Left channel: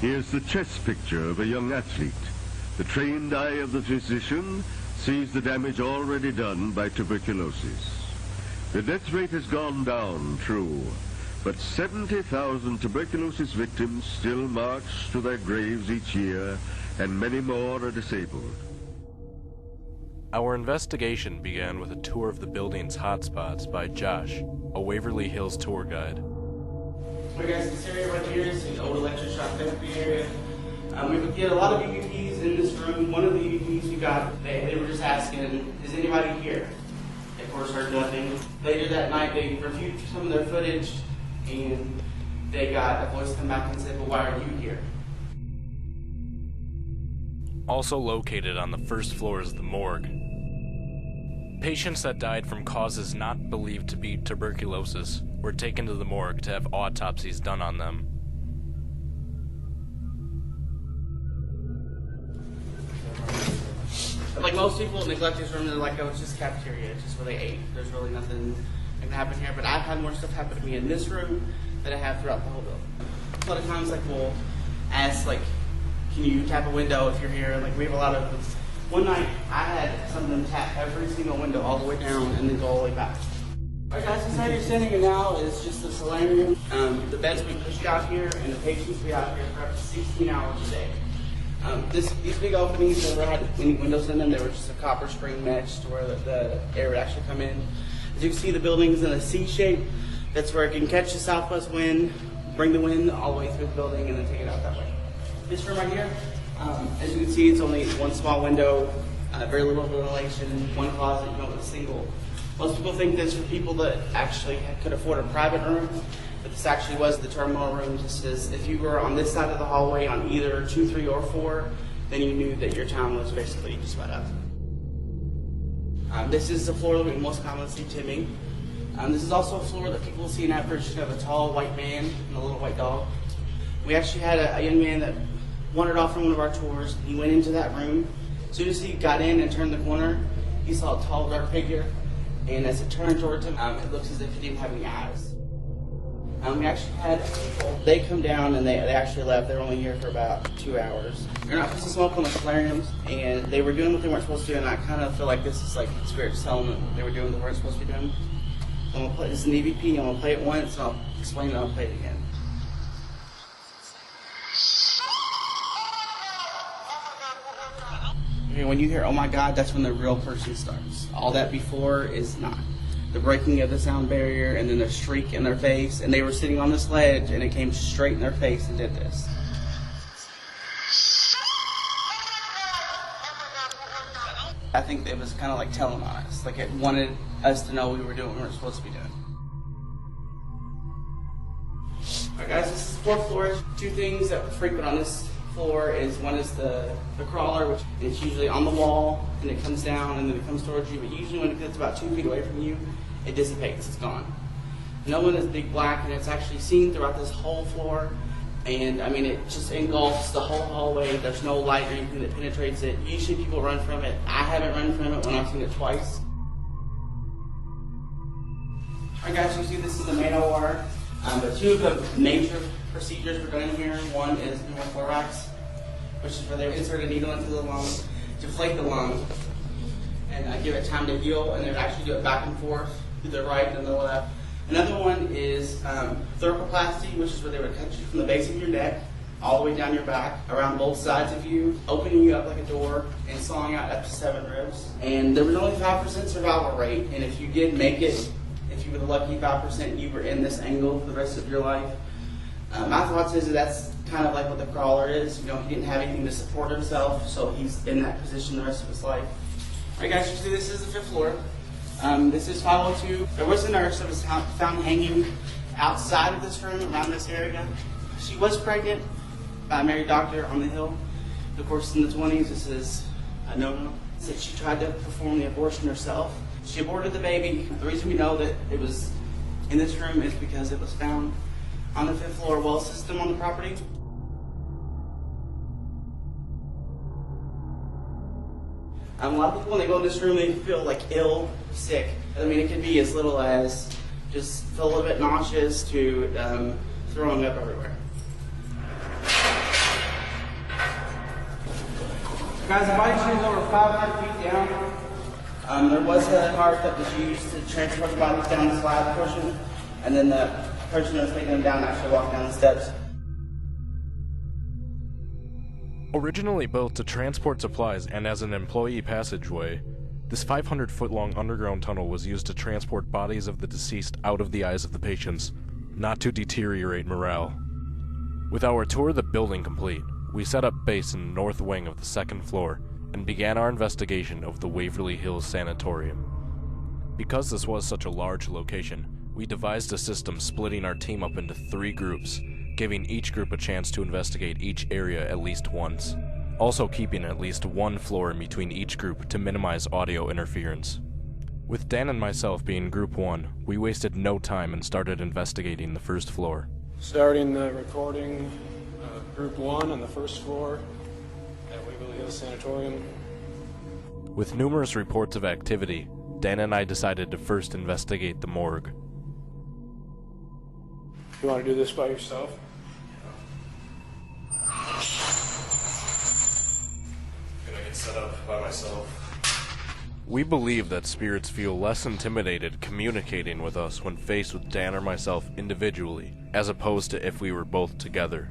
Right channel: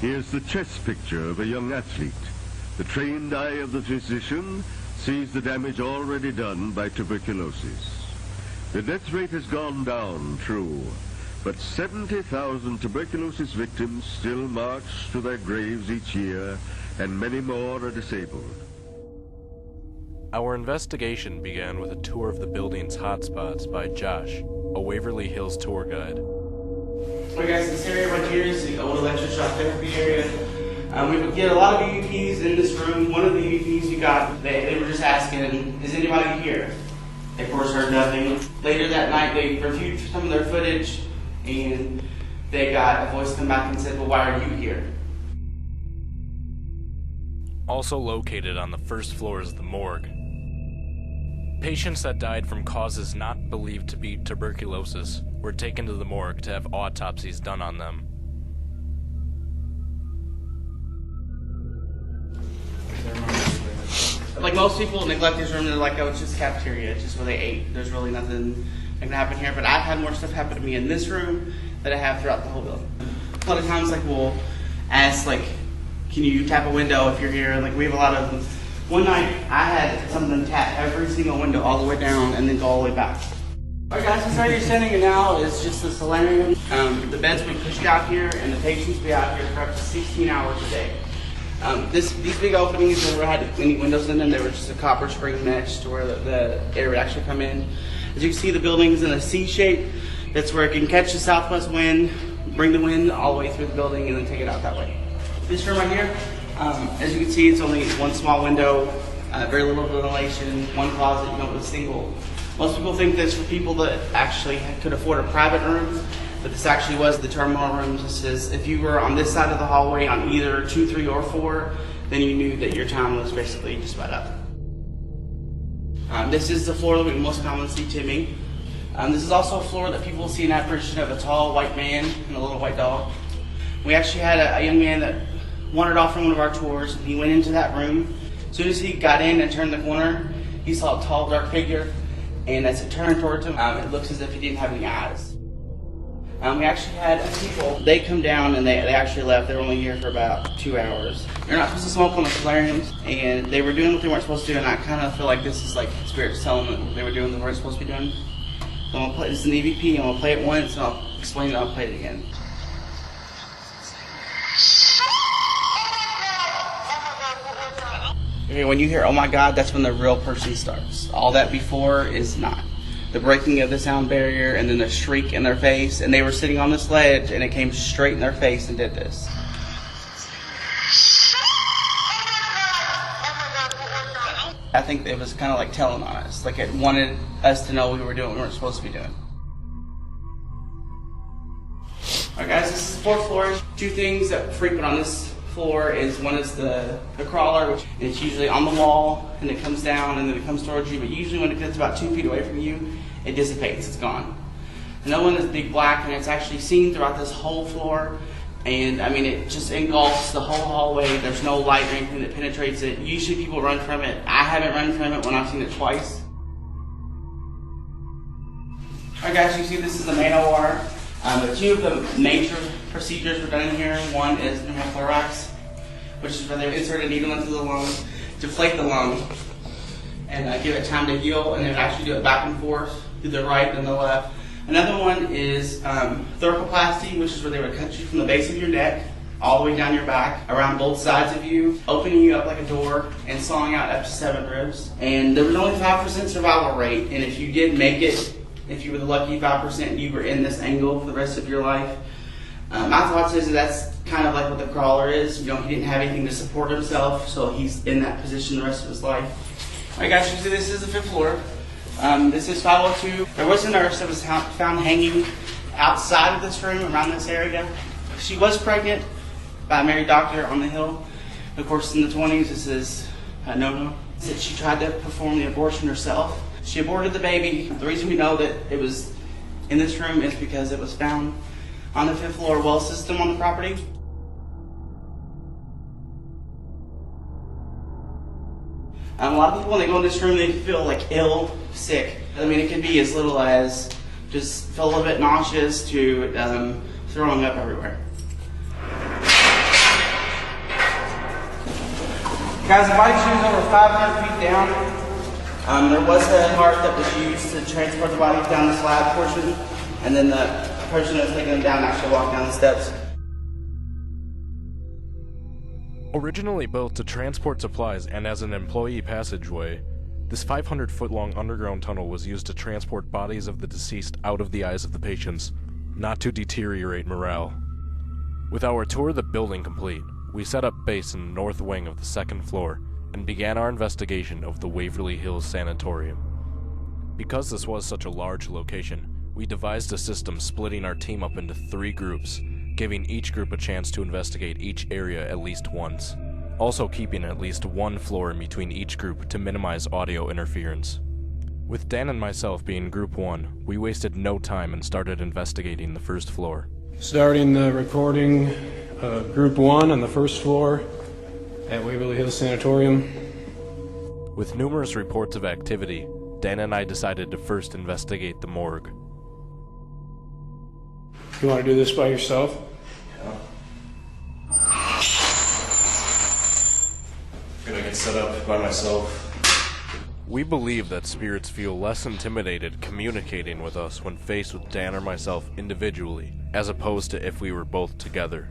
Here's the chest picture of a young athlete. The trained eye of the physician sees the damage already done by tuberculosis. The death rate has gone down, true, but 70,000 tuberculosis victims still march to their graves each year, and many more are disabled. Our investigation began with a tour of the building's hotspots by Josh, a Waverly Hills tour guide. Alright guys, this area right here is the old electroshock therapy area. We would get a lot of EVPs in this room. One of the EVPs we got, they were just asking, is anybody here? They of course heard nothing. Later that night they reviewed some of their footage and they got a voice come back and said, well, why are you here? Also located on the first floor is the morgue. Patients that died from causes not believed to be tuberculosis were taken to the morgue to have autopsies done on them. Like most people neglect this room, they're like, oh, it's just cafeteria, it's just where they ate. There's really nothing that can happen here. But I've had more stuff happen to me in this room than I have throughout the whole building. A lot of times, like, we'll ask, like, can you tap a window if you're here? And, like, we have a lot of them. One night, I had some of them tap every single window all the way down and then go all the way back. Alright guys, this area you're standing in now is just the solarium. The beds we pushed out here and the patients be out here for up to 16 hours a day. These big openings never had any windows in them. They were just a copper spring mesh to where the air would actually come in. As you can see, the building's in a C shape. That's where it can catch the southwest wind, bring the wind all the way through the building, and then take it out that way. This room right here, as you can see, it's only one small window, very little ventilation, one closet, with a single. Most people think this for people that actually could afford a private room, but this actually was the terminal room. This is, if you were on this side of the hallway on either 2, 3, or 4, then you knew that your time was basically just about up. This is the floor that we most commonly see Timmy. This is also a floor that people see an apparition of a tall white man and a little white dog. We actually had a young man that wandered off from one of our tours, and he went into that room. As soon as he got in and turned the corner, he saw a tall, dark figure, and as it turned towards him, it looks as if he didn't have any eyes. We actually had people, they come down and they actually left. They were only here for about 2 hours. You're not supposed to smoke on the solariums, and they were doing what they weren't supposed to do, and I kind of feel like this is like spirits telling them they were doing what they weren't supposed to be doing. So I'm going to play, this is an EVP, I'm going to play it once, and I'll explain it, I'll play it again. Okay, when you hear, oh my God, that's when the real person starts. All that before is not. The breaking of the sound barrier and then the shriek in their face, and they were sitting on this ledge and it came straight in their face and did this. I think it was kind of like telling on us, like it wanted us to know we were doing what we weren't supposed to be doing. Alright guys, this is the 4th floor. 2 things that frequent on this floor is, one is the crawler, which it's usually on the wall and it comes down and then it comes towards you, but usually when it gets about 2 feet away from you, it dissipates, it's gone. Another one is big black, and it's actually seen throughout this whole floor, and I mean it just engulfs the whole hallway. There's no light or anything that penetrates it. Usually people run from it. I haven't run from it when I've seen it twice. Alright guys, you see this is the main OR. But 2 of the major procedures were done in here. One is pneumothorax, which is where they insert a needle into the lung, deflate the lung, and give it time to heal, and they would actually do it back and forth to the right and the left. Another one is thoracolplasty, which is where they would cut you from the base of your neck all the way down your back, around both sides of you, opening you up like a door and sawing out up to 7 ribs. And there was only 5% survival rate, and if you did make it, if you were the lucky 5%, you were in this angle for the rest of your life. My thoughts is that's kind of like what the crawler is. He didn't have anything to support himself, so he's in that position the rest of his life. Alright guys, you see this is the 5th floor. This is 502. There was a nurse that was found hanging outside of this room, around this area. She was pregnant by a married doctor on the hill. Of course, in the 20s, this is a no-no. Said she tried to perform the abortion herself. She aborted the baby. The reason we know that it was in this room is because it was found on the 5th floor well system on the property. A lot of people, when they go in this room, they feel like ill, sick. I mean, it can be as little as just feel a little bit nauseous to throwing up everywhere. Guys, the body chute is over 500 feet down. There was a cart that was used to transport the bodies down the slab portion, and then the person that was taking them down actually walked down the steps. Originally built to transport supplies and as an employee passageway, this 500-foot-long underground tunnel was used to transport bodies of the deceased out of the eyes of the patients, not to deteriorate morale. With our tour of the building complete, we set up base in the north wing of the second floor and began our investigation of the Waverly Hills Sanatoryumu. Because this was such a large location, we devised a system splitting our team up into 3 groups, giving each group a chance to investigate each area at least once, also keeping at least 1 floor in between each group to minimize audio interference. With Dan and myself being Group 1, we wasted no time and started investigating the first floor. Starting the recording, Group 1 on the first floor at Waverly Hills Sanatoryumu. With numerous reports of activity, Dan and I decided to first investigate the morgue. You want to do this by yourself? I'm gonna get set up by myself. We believe that spirits feel less intimidated communicating with us when faced with Dan or myself individually, as opposed to if we were both together.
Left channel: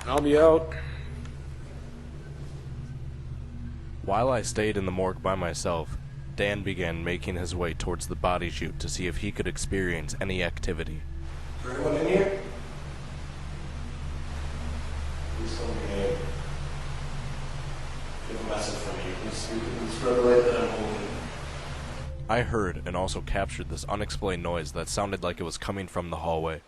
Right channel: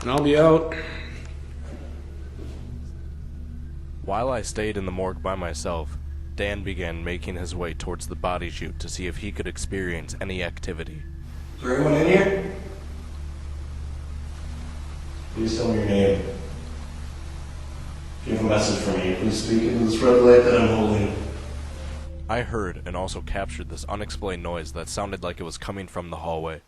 And I'll be out. While I stayed in the morgue by myself, Dan began making his way towards the body chute to see if he could experience any activity. Is there anyone in here? Please tell me your name. If you have a message for me, please speak into this red light that I'm holding. I heard and also captured this unexplained noise that sounded like it was coming from the hallway.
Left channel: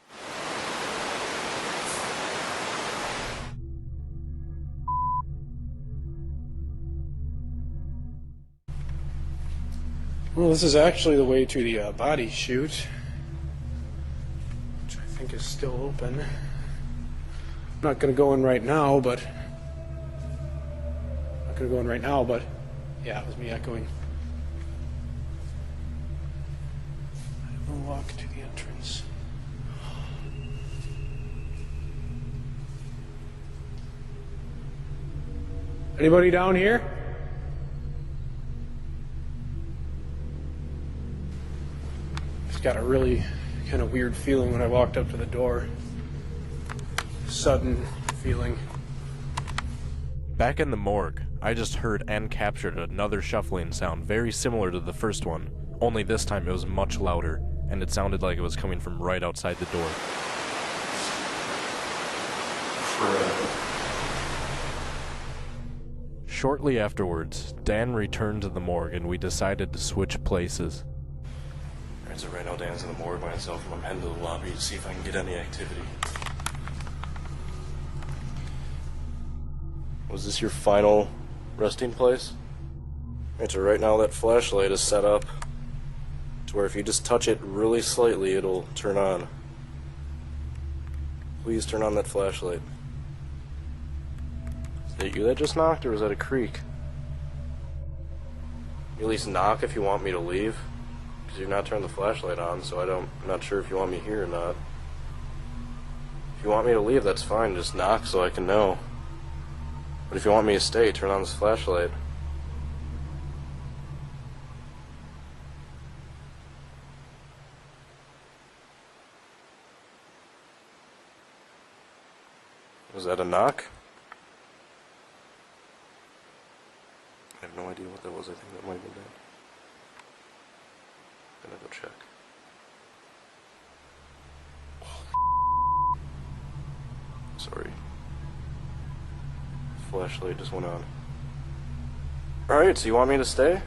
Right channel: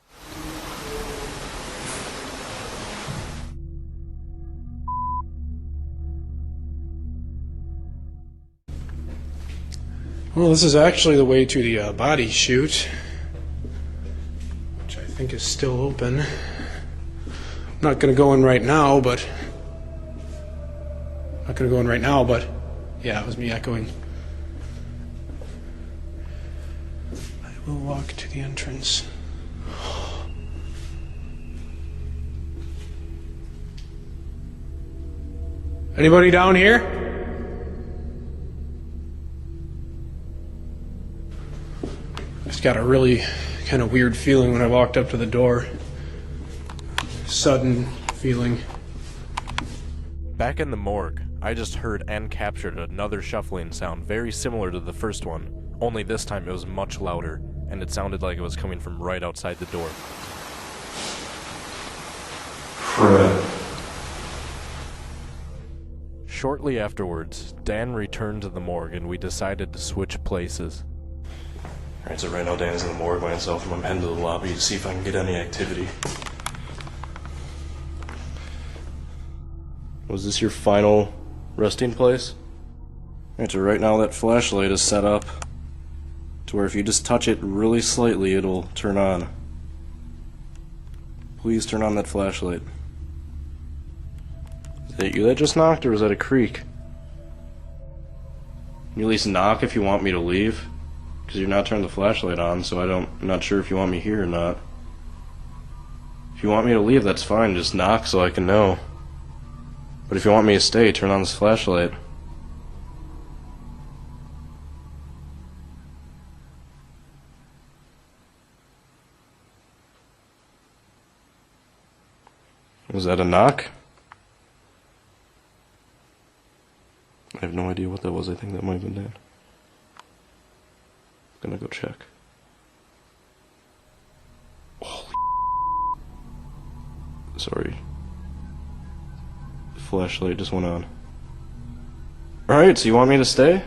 Well, this is actually the way to the body chute, which I think is still open. I'm not going to go in right now, but yeah, it was me echoing. I will walk to the entrance. Anybody down here? Just got a really kind of weird feeling when I walked up to the door. Sudden feeling. Back in the morgue, I just heard and captured another shuffling sound very similar to the first one, only this time it was much louder, and it sounded like it was coming from right outside the door. Shortly afterwards, Dan returned to the morgue and we decided to switch places. Alright, so right now Dan's in the morgue by himself, and I'm heading to the lobby to see if I can get any activity. Was this your final resting place? Alright, so right now that flashlight is set up to where if you just touch it really slightly, it'll turn on. Please turn on that flashlight. Is that you that just knocked, or was that a creak? You at least knock if you want me to leave, because you're not turning the flashlight on, so I'm not sure if you want me here or not. If you want me to leave, that's fine, just knock so I can know. But if you want me to stay, turn on this flashlight. Was that a knock? I have no idea what that was. I think that might have been Dan. I'm gonna go check. Oh, sorry. The flashlight just went on. Alright, so you want me to stay?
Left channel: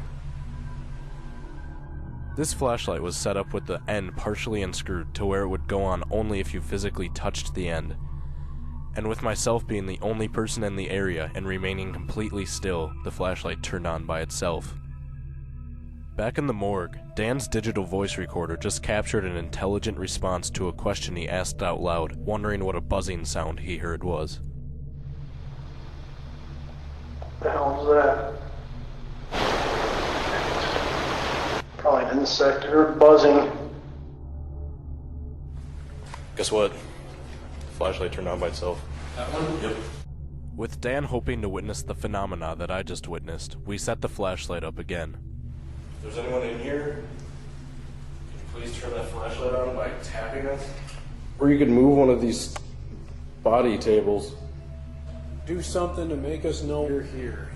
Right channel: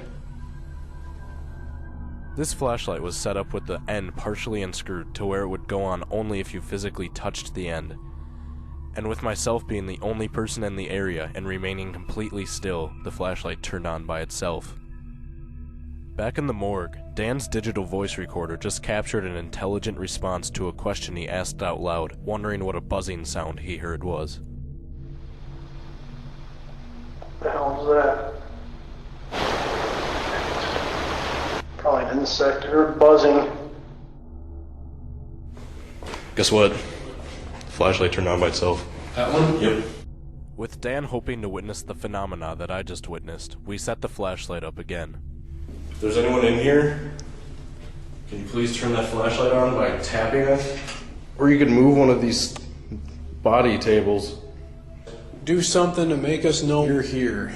This flashlight was set up with the end partially unscrewed to where it would go on only if you physically touched the end. And with myself being the only person in the area and remaining completely still, the flashlight turned on by itself. Back in the morgue, Dan's digital voice recorder just captured an intelligent response to a question he asked out loud, wondering what a buzzing sound he heard was. What the hell was that? Probably an insect. I heard buzzing. Guess what? flashlight turned on by itself. That one? Yep. With Dan hoping to witness the phenomena that I just witnessed, we set the flashlight up again. If there's anyone in here, can you please turn that flashlight on by tapping it? Or you could move one of these body tables. Do something to make us know you're here.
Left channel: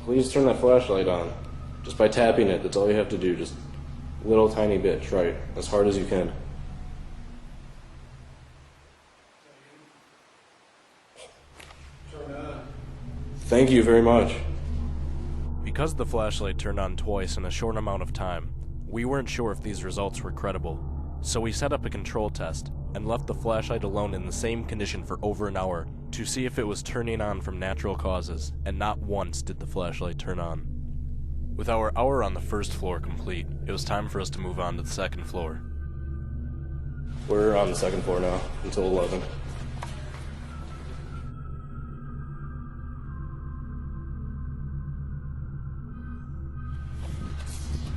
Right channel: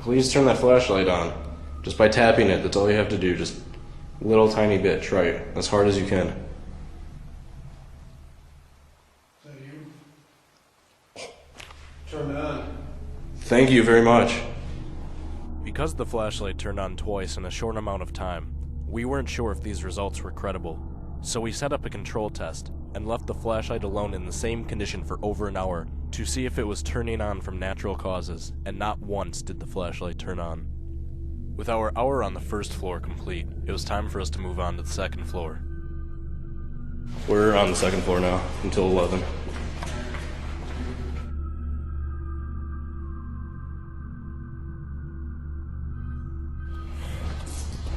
Please turn that flashlight on. Just by tapping it, that's all you have to do. Just a little tiny bit. Try it as hard as you can. Turn it on. Thank you very much. Because the flashlight turned on twice in a short amount of time, we weren't sure if these results were credible. So we set up a control test and left the flashlight alone in the same condition for over an hour to see if it was turning on from natural causes, and not once did the flashlight turn on. With our hour on the first floor complete, it was time for us to move on to the second floor. We're on the second floor now, until 11.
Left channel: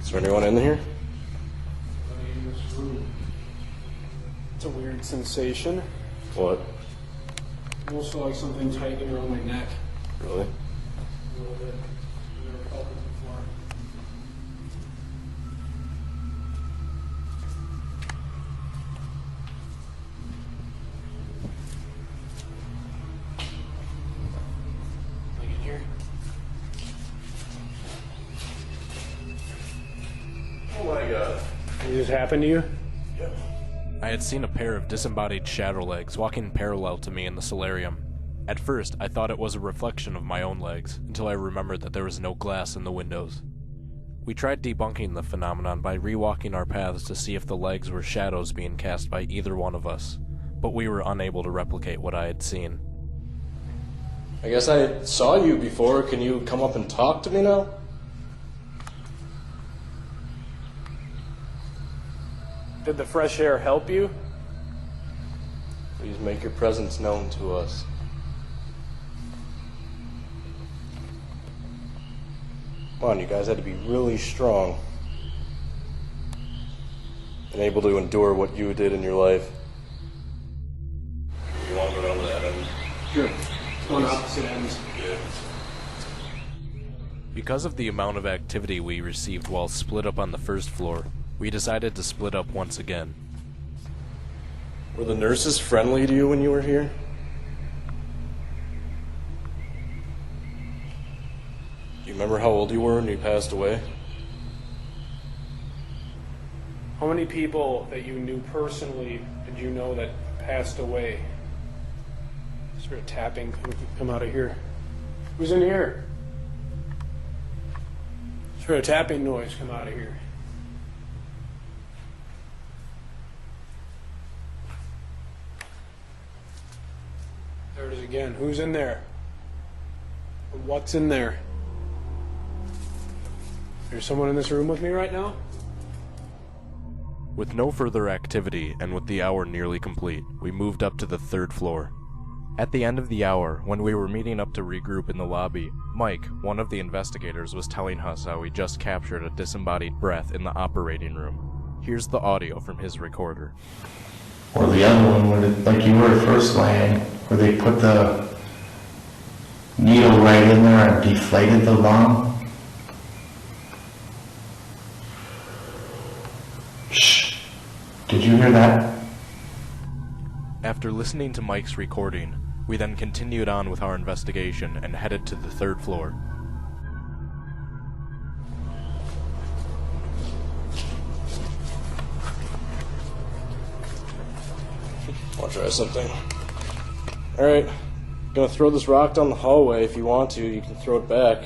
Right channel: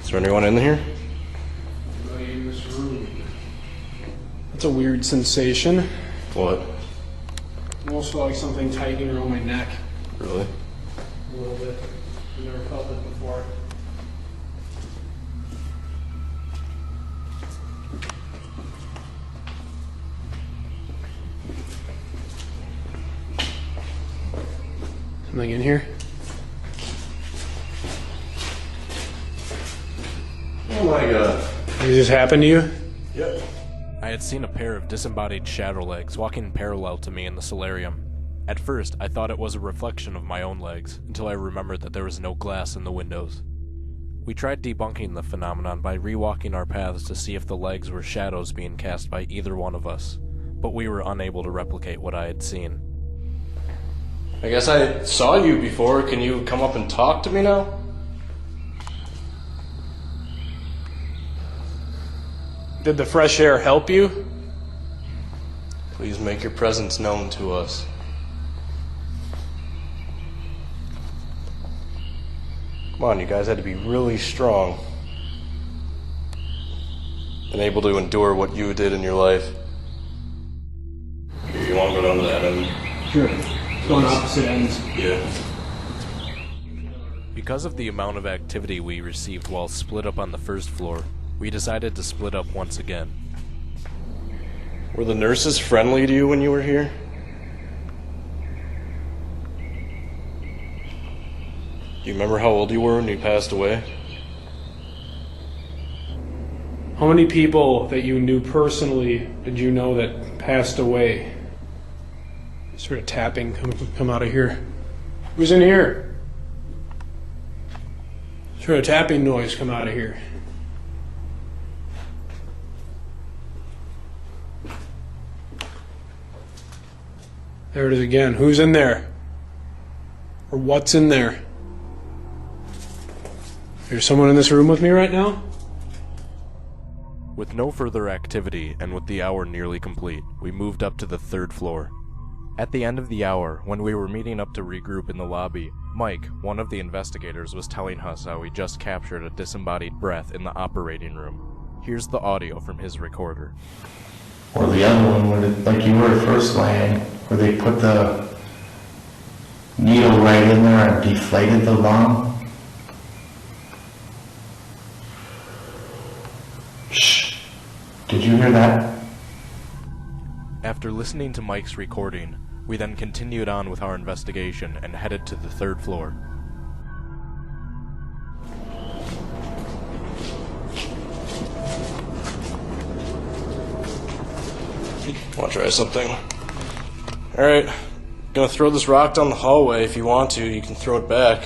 Is there anyone in here? Everybody in this room. That's a weird sensation. What? Almost felt like something tightening around my neck. Really? A little bit. I've never felt this before. Something in here? Oh my god. Did this happen to you? Yep. I had seen a pair of disembodied shadow legs walking parallel to me in the solarium. At first, I thought it was a reflection of my own legs, until I remembered that there was no glass in the windows. We tried debunking the phenomenon by rewalking our paths to see if the legs were shadows being cast by either one of us, but we were unable to replicate what I had seen. I guess I saw you before. Can you come up and talk to me now? Did the fresh air help you? Please make your presence known to us. Come on, you guys had to be really strong and able to endure what you did in your life. You want to go down to that end? Sure. It's on opposite ends. Yeah. Because of the amount of activity we received while split up on the first floor, we decided to split up once again. Were the nurses friendly to you when you were here? Do you remember how old you were when you passed away? How many people that you knew personally did you know that passed away? Sort of tapping come out of here. Who's in here? Sort of tapping noise come out of here. There it is again. Who's in there? Or what's in there? There's someone in this room with me right now? With no further activity, and with the hour nearly complete, we moved up to the third floor. At the end of the hour, when we were meeting up to regroup in the lobby, Mike, one of the investigators, was telling us how he just captured a disembodied breath in the operating room. Here's the audio from his recorder. Or the other one, where like you were first laying, where they put the needle right in there and deflated the lung. Shh. Did you hear that? After listening to Mike's recording, we then continued on with our investigation and headed to the third floor. Want to try something? Alright, gonna throw this rock down the hallway. If you want to, you can throw it back.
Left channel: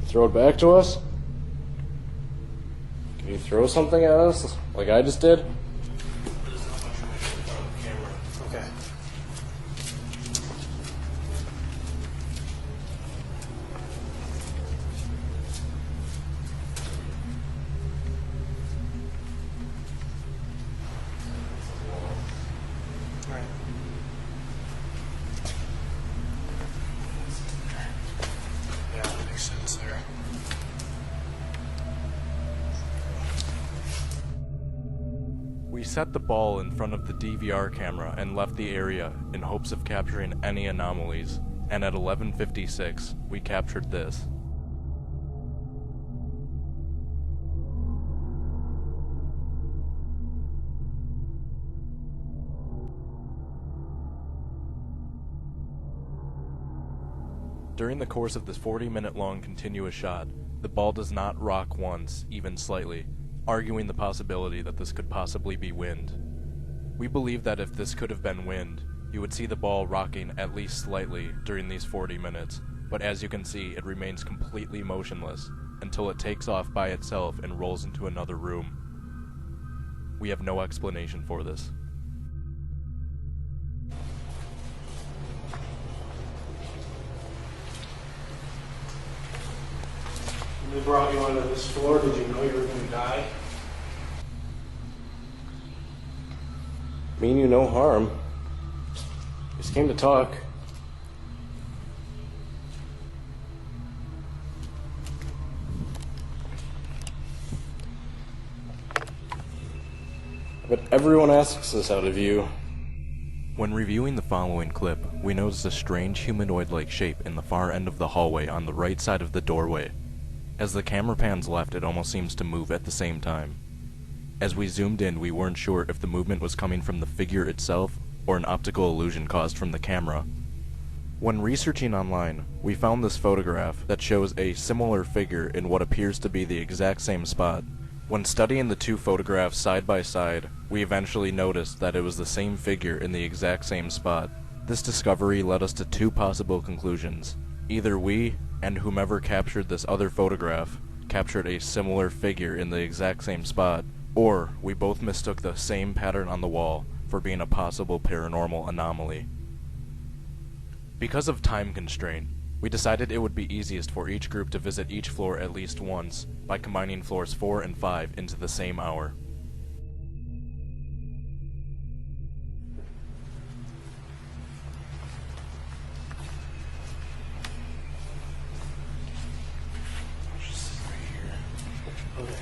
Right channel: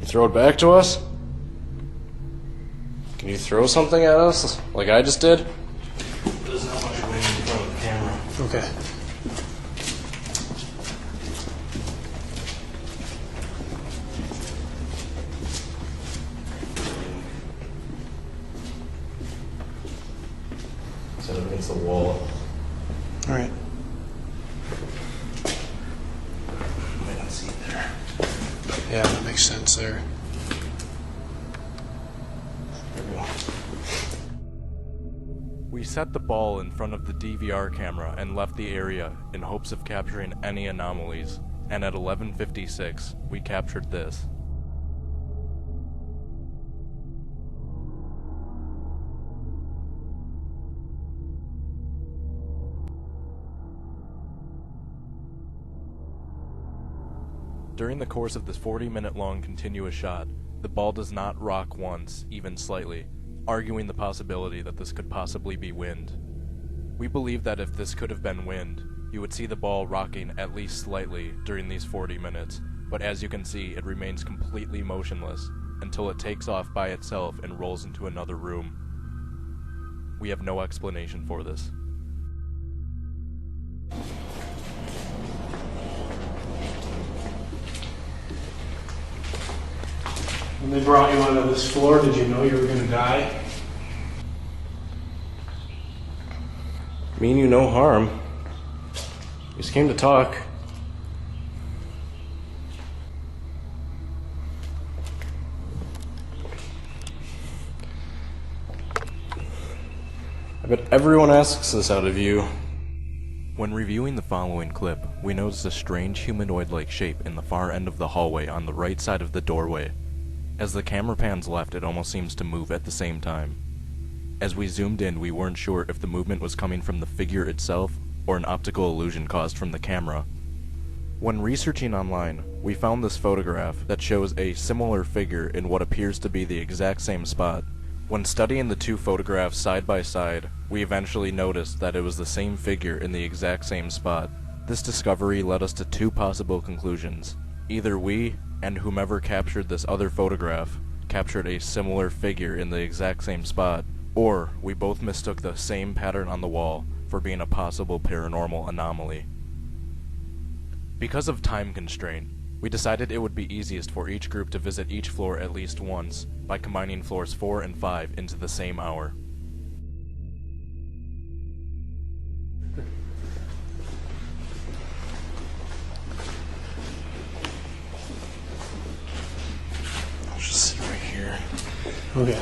You throw it back to us? Can you throw something at us, like I just did? There's not much wind in front of the camera. Okay. Set it against the wall. All right. Might not see it there. Yeah, that makes sense there. There we go. We set the ball in front of the DVR camera and left the area in hopes of capturing any anomalies, and at 11:56, we captured this. During the course of this 40-minute long continuous shot, the ball does not rock once, even slightly, arguing the possibility that this could possibly be wind. We believe that if this could have been wind, you would see the ball rocking at least slightly during these 40 minutes, but as you can see, it remains completely motionless until it takes off by itself and rolls into another room. We have no explanation for this. When they brought you onto this floor, did you know you were going to die? Mean you no harm. Just came to talk. I bet everyone asks this out of you. When reviewing the following clip, we noticed a strange humanoid-like shape in the far end of the hallway on the right side of the doorway. As the camera pans left, it almost seems to move at the same time. As we zoomed in, we weren't sure if the movement was coming from the figure itself or an optical illusion caused from the camera. When researching online, we found this photograph that shows a similar figure in what appears to be the exact same spot. When studying the two photographs side by side, we eventually noticed that it was the same figure in the exact same spot. This discovery led us to two possible conclusions. Either we, and whomever captured this other photograph, captured a similar figure in the exact same spot, or we both mistook the same pattern on the wall for being a possible paranormal anomaly. Because of time constraint, we decided it would be easiest for each group to visit each floor at least once by combining floors 4 and 5 into the same hour. I'll just sit right here. Okay.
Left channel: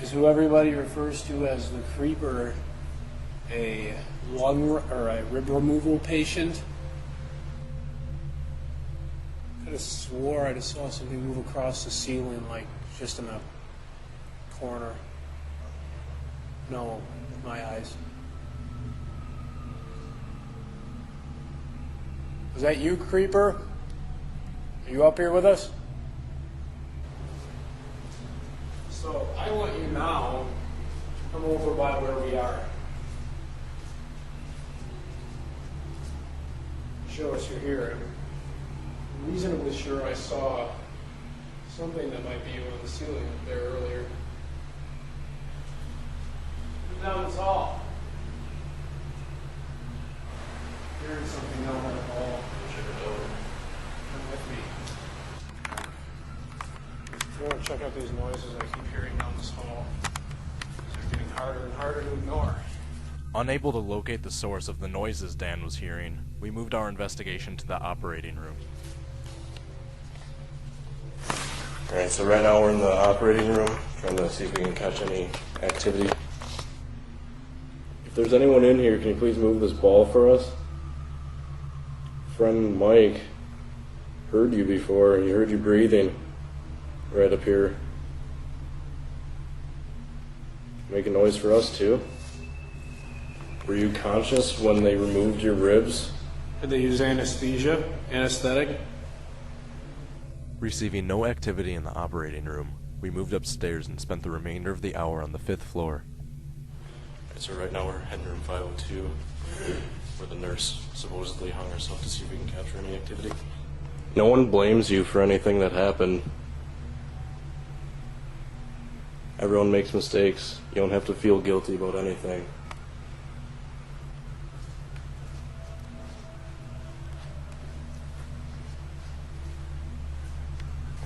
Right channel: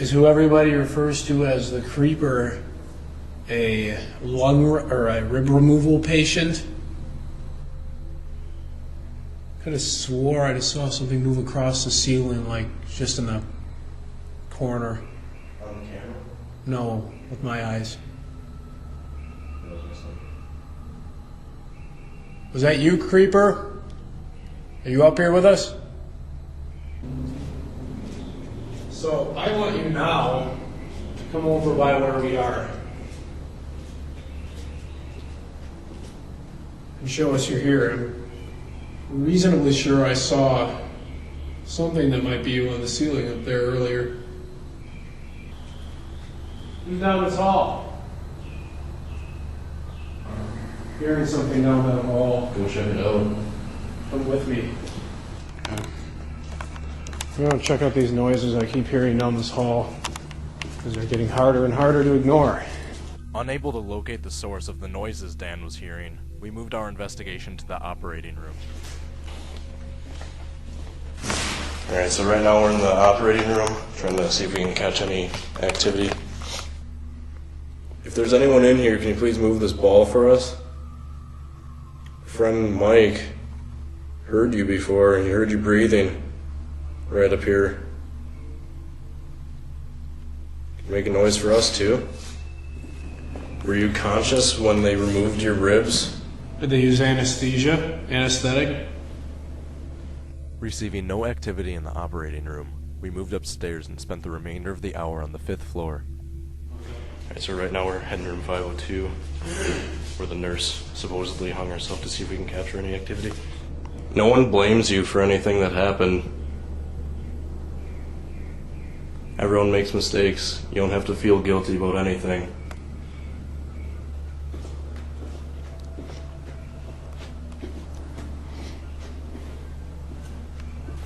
Is who everybody refers to as the creeper a lung or a rib removal patient? I could have swore I just saw something move across the ceiling, like just in the corner. No, with my eyes. Was that you, creeper? Are you up here with us? So I want you now to come over by where we are and show us you're here. I'm reasonably sure I saw something that might be you on the ceiling up there earlier. Who's down this hall? Hearing something down that hall. Come with me. I'm going to check out these noises I keep hearing down this hall, because they're getting harder and harder to ignore. Unable to locate the source of the noises Dan was hearing, we moved our investigation to the operating room. Alright, so right now we're in the operating room, trying to see if we can catch any activity. If there's anyone in here, can you please move this ball for us? Friend Mike heard you before, and he heard you breathing right up here. Make a noise for us too. Were you conscious when they removed your ribs? Did they use anesthesia? Anesthetic? Receiving no activity in the operating room, we moved upstairs and spent the remainder of the hour on the 5th floor. Alright, so right now we're heading to room 502, where the nurse supposedly hung herself to see if we can capture any activity. No one blames you for anything that happened. Everyone makes mistakes. You don't have to feel guilty about anything.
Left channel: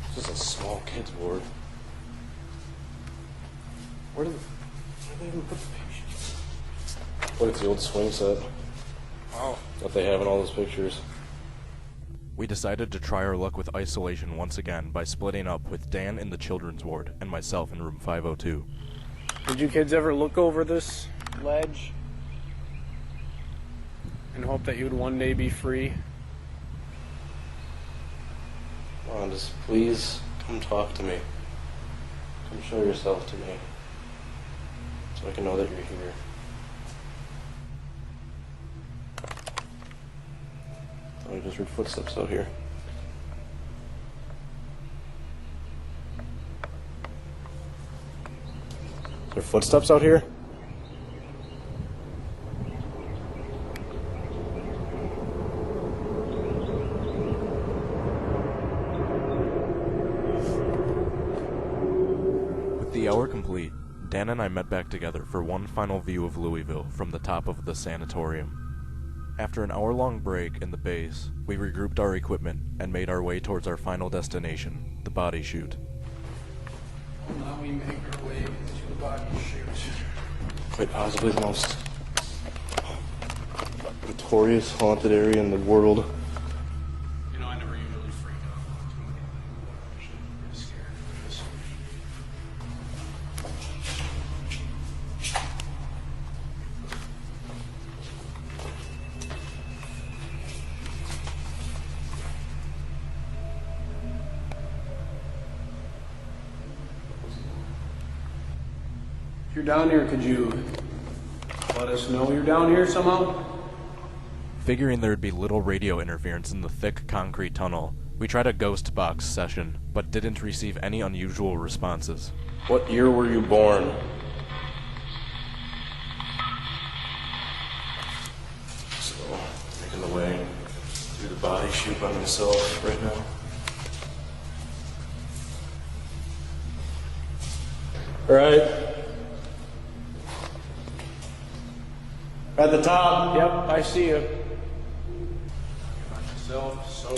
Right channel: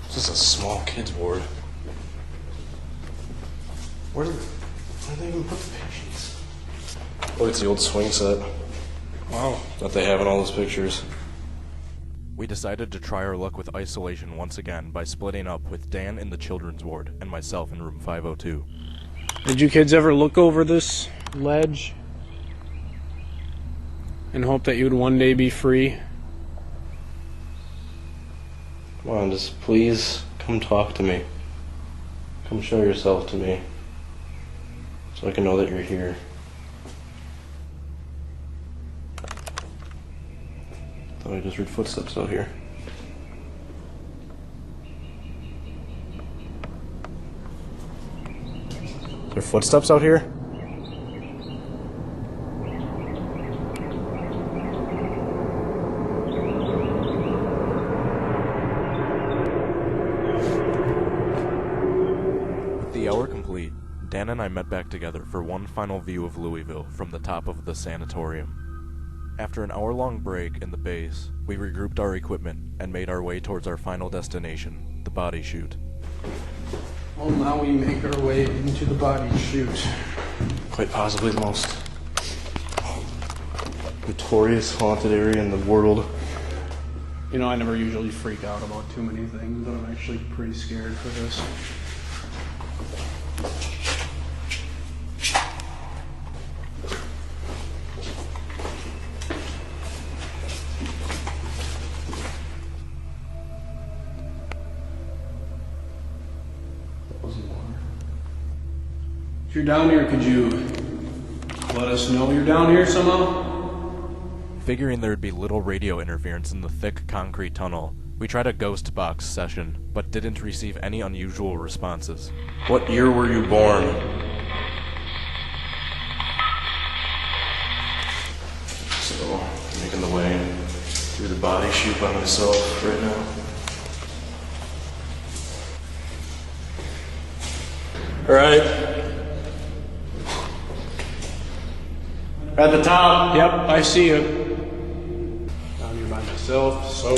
This is a small kid's ward. Where do they even put the patients? Look, it's the old swing set. Wow. That they have in all those pictures. We decided to try our luck with isolation once again by splitting up with Dan in the children's ward and myself in room 502. Did you kids ever look over this ledge and hope that you'd one day be free? Come on, just please come talk to me. Come show yourself to me. So I can know that you're here. Thought I just heard footsteps out here. There are footsteps out here? With the hour complete, Dan and I met back together for one final view of Louisville from the top of the sanatorium. After an hour-long break in the base, we regrouped our equipment and made our way towards our final destination, the body chute. Well, now we make our way into the body chute. Quite possibly the most notorious haunted area in the world. You know, I never usually freak out about too many things, but I'm actually pretty scared for this. If you're down here, could you let us know you're down here somehow? Figuring there'd be little radio interference in the thick concrete tunnel, we tried a ghost box session, but didn't receive any unusual responses. What year were you born? So, I'm making the way through the body chute by myself right now. Alright. At the top. Yep, I see you. Down here by myself, so...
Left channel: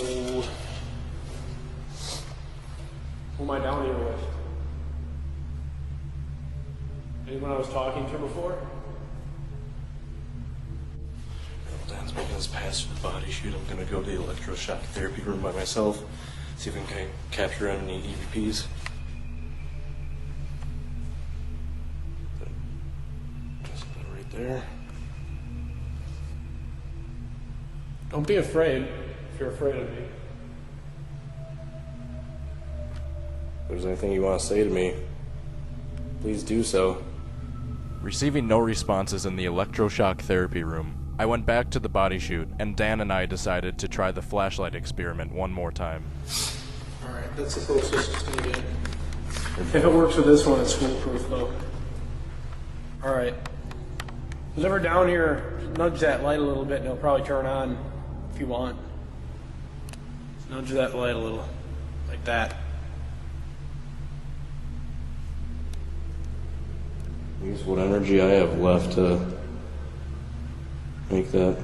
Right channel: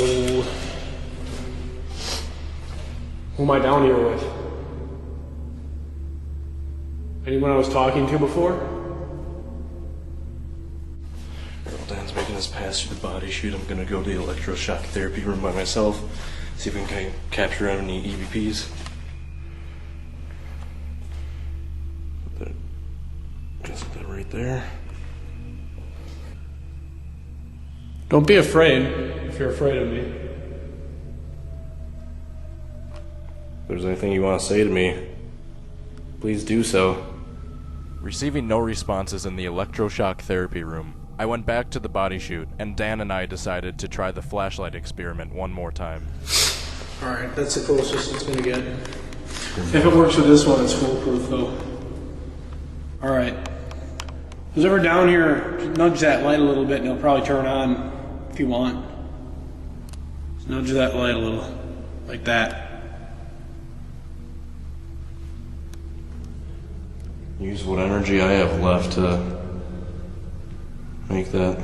Who am I down here with? Anyone I was talking to before? Well, Dan's making his pass through the body chute. I'm gonna go to the electroshock therapy room by myself, see if we can capture any EVPs. Guess that right there. Don't be afraid, if you're afraid of me. If there's anything you want to say to me, please do so. Receiving no responses in the electroshock therapy room, I went back to the body chute, and Dan and I decided to try the flashlight experiment one more time. Alright, that's the closest it's gonna get. If it works with this one, it's foolproof though. Alright. Who's ever down here, nudge that light a little bit and it'll probably turn on if you want. Just nudge that light a little, like that. Use what energy I have left to make that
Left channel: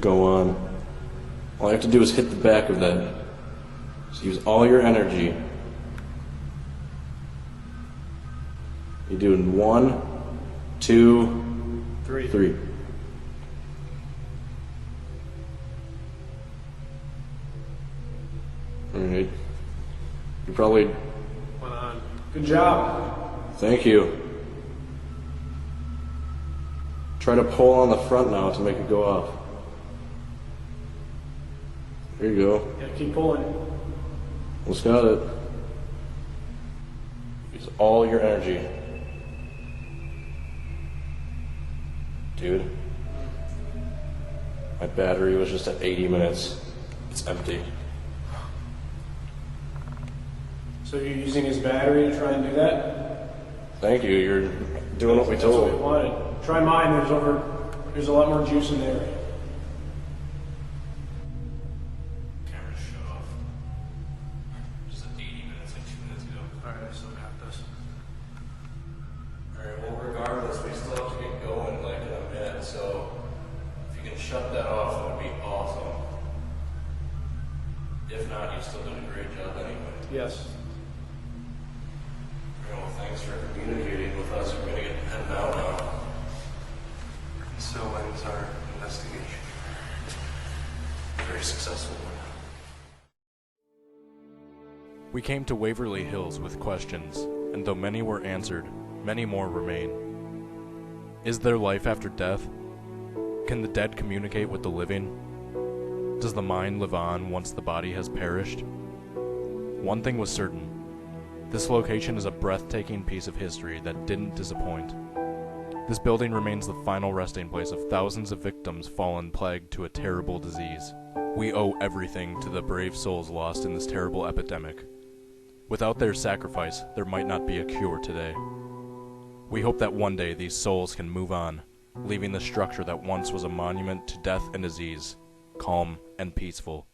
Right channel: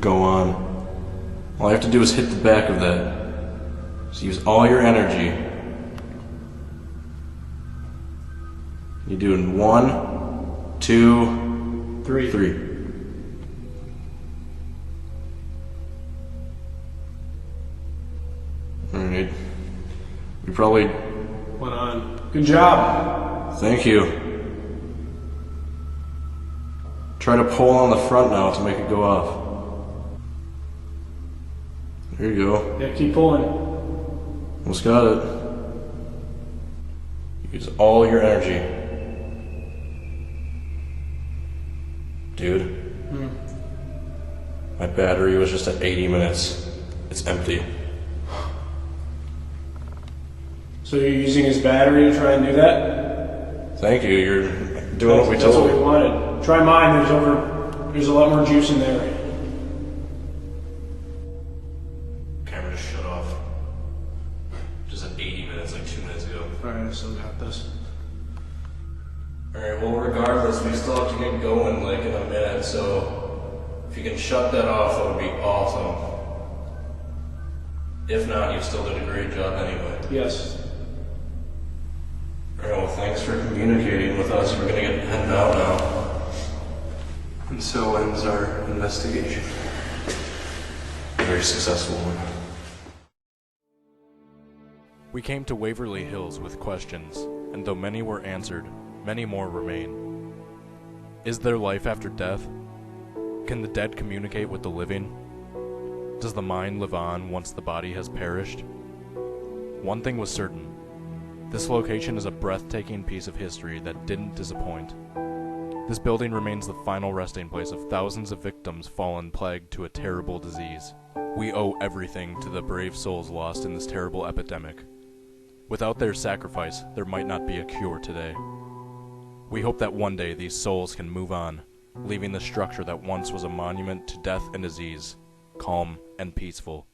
go on. All I have to do is hit the back of that. So use all your energy. You're doing 1, 2, 3. Alright. You probably... Went on. Good job. Thank you. Try to pull on the front now to make it go off. There you go. Yeah, keep pulling. Almost got it. Use all your energy. Dude. My battery was just at 80 minutes. It's empty. So you're using his battery to try and do that? Thank you. You're doing what we That's told what we you. wanted. Try mine, there's a lot more juice in there. Camera just shut off. Just at 80 minutes, like 2 minutes ago. Alright, I still got this. Alright, well regardless, we still have to get going like in a minute, so if you can shut that off, that would be awesome. If not, you still did a great job anyway. Yes. Alright, well thanks for communicating with us. We're gonna get heading out now. And so ends our investigation. Very successful one. We came to Waverly Hills with questions, and though many were answered, many more remain. Is there life after death? Can the dead communicate with the living? Does the mind live on once the body has perished? One thing was certain. This location is a breathtaking piece of history that didn't disappoint. This building remains the final resting place of thousands of victims fallen plagued to a terrible disease. We owe everything to the brave souls lost in this terrible epidemic. Without their sacrifice, there might not be a cure today. We hope that one day these souls can move on, leaving the structure that once was a monument to death and disease, calm and peaceful.